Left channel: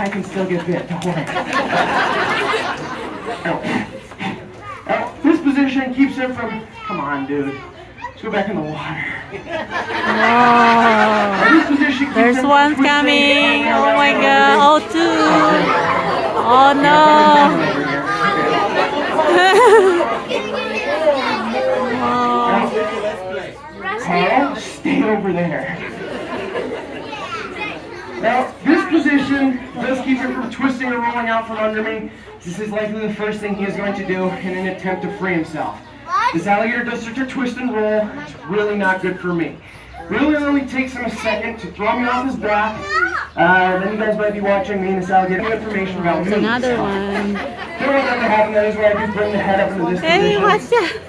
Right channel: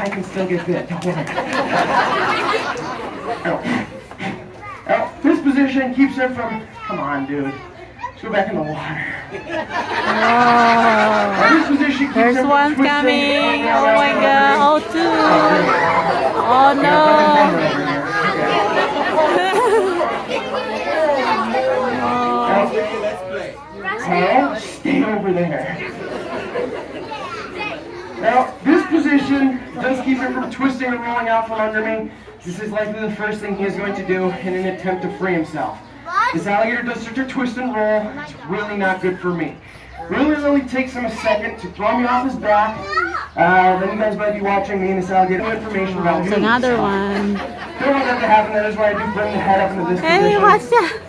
I can still get bit, don't worry. This position keeps him from, come on dude, let's go back in the water. This position keeps There's him one from coming. twisting. Oh my god. Oh, two. Oh no. Tail, stay over there. Now, this position does keep him from twisting and rolling out from under me. This is likely the first thing he is going to do in an attempt to free himself. This alligator does start to twist and roll. It's really not good for me. Really only takes him a second to throw me off his back. Then you guys might be watching me and this alligator information about There's another one. You know what happens? That is why I do bring the head up into this Hey, position. watch that.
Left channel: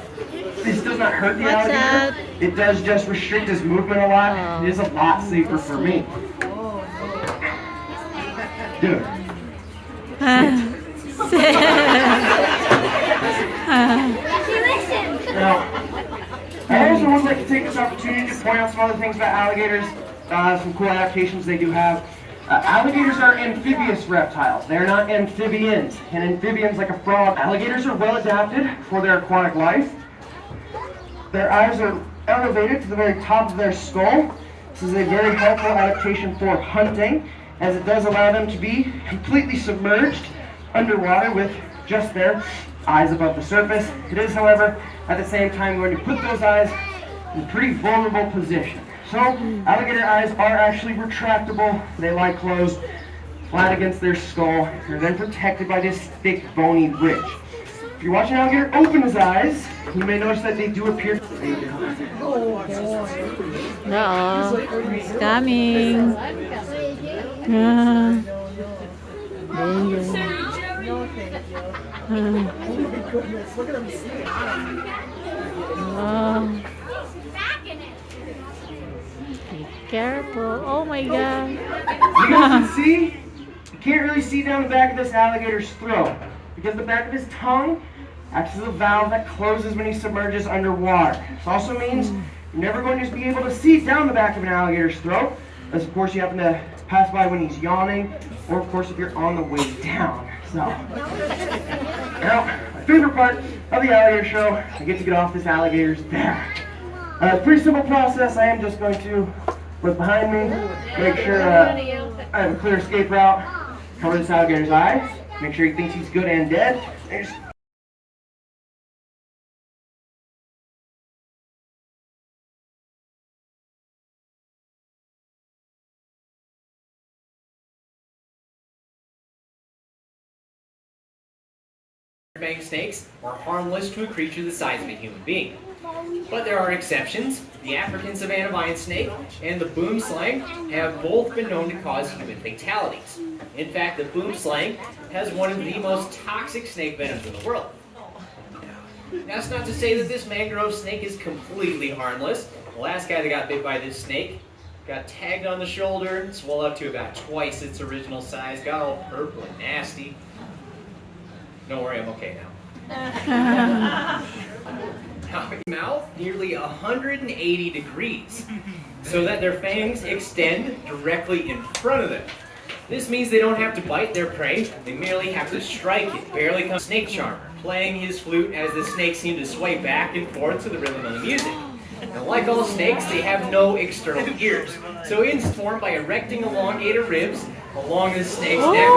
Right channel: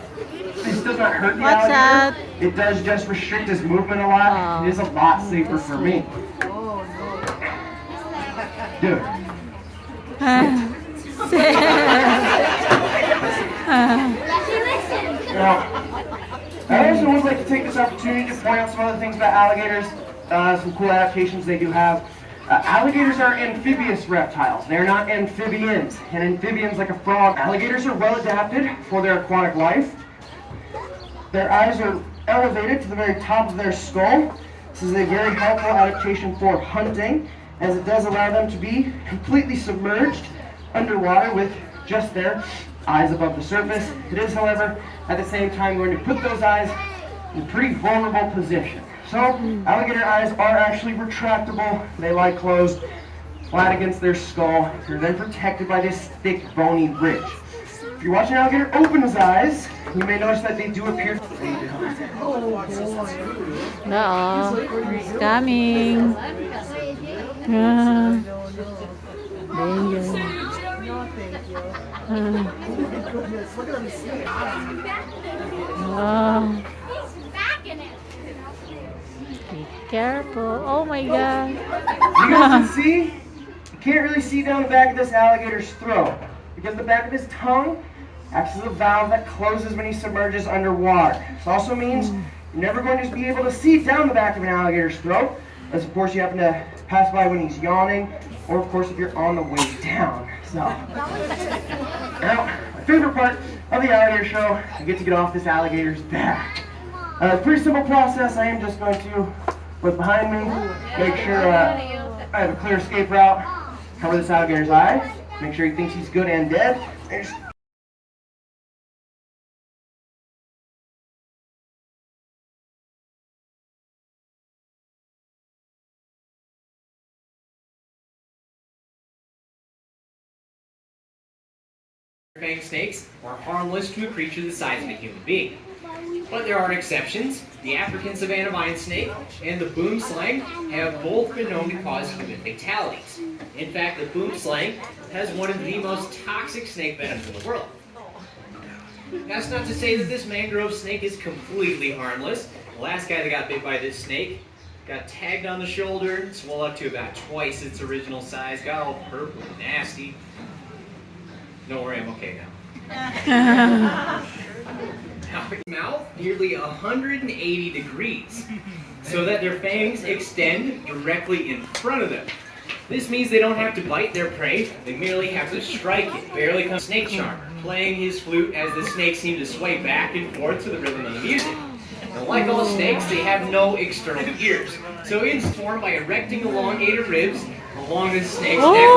This does not hurt the What's alligator. that? It does just restrict his movement a lot. Oh. It is a lot safer for me. Good. Now, I also would like to take this opportunity to point out some other things about alligators, some cool adaptations they do have. Alligators are amphibious reptiles. They're not amphibians. And amphibians, like a frog, alligators are well adapted for their aquatic life. Their eyes are elevated to the very top of their skull. This is a very helpful adaptation for hunting, as it does allow them to be completely submerged underwater with just their eyes above the surface. It is, however, at the same time going to put those eyes in a pretty vulnerable position. So, alligator eyes are actually retractable. They lie closed, flat against their skull. They're then protected by this thick, bony ridge. If you're watching an alligator open his eyes, you may notice that they do appear to be. Uh-oh. It's coming. Danger. Be careful. Oh my god. You guys can see, you can't really see down the back of this alligator's throat, because the back of his tongue acts as a valve that closes when he submerges underwater. This also means you're never going to be able to see down the back of an alligator's throat, unless of course you happen to pass by when he's yawning, or of course if you're on the way down. So, now, my favorite part of the alligator show, I get to get off this alligator's back. Pretty simple process. I am just going to look behind me, make sure I have a clear escape route, cover this alligator's eye, make sure he thinks he's good and dead, and just Fang snakes are harmless to a creature the size of a human being. But there are exceptions. The African savanna vine snake and the boom slang have both been known to cause human fatalities. In fact, the boom slang has one of the most toxic snake venoms in the world. That's not to say that this mangrove snake is completely harmless. The last guy that got bit by this snake got tagged on the shoulder, swelled up to about twice its original size, got all purple and nasty. Don't worry, I'm okay now. Now, its mouth nearly 180 degrees, so that their fangs extend directly in front of them. This means they don't have to bite their prey, they merely have to strike it. Barely comes snake charmer, playing his flute as the snakes seem to sway back and forth to the rhythm of the music. Now, like all snakes, they have no external ears, so it's formed by erecting elongated ribs along the snake's neck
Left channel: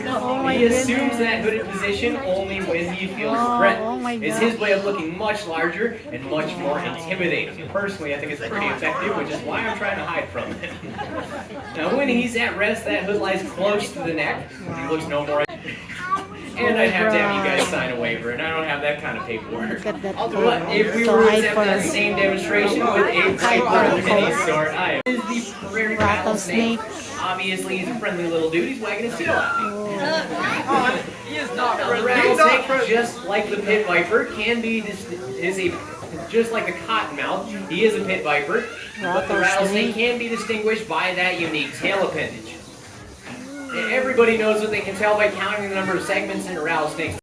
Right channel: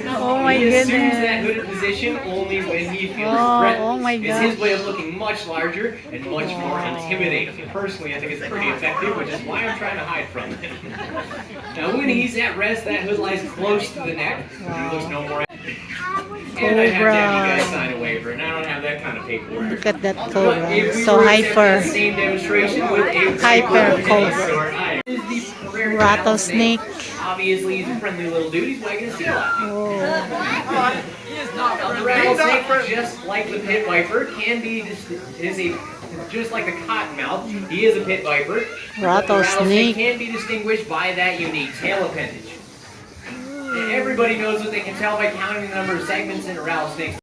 region. Oh my He assumes goodness. that hooded position only when he feels threatened. Oh my It's his way of looking much larger and much more intimidating. Personally, I think it's pretty effective, which is why I'm trying to hide from it. Now, when he's at rest, that hood lies close to the neck. He looks no more. And I'd have to have you guys sign a waiver, and I don't have that kind of paperwork. Look at that But cobra. if we So were to attempt hyper. that same demonstration with a Hyper cobra, cobra. is the prairie Rattlesnake. Obviously, he's a friendly little dude. He's wagging his tail at me. Oh. The rattlesnake, just like the pit viper, just like the cottonmouth, he is a pit viper. The rattlesnake can be distinguished by that unique tail appendage. Everybody knows what they can tell by counting the number of segments in a rattlesnake's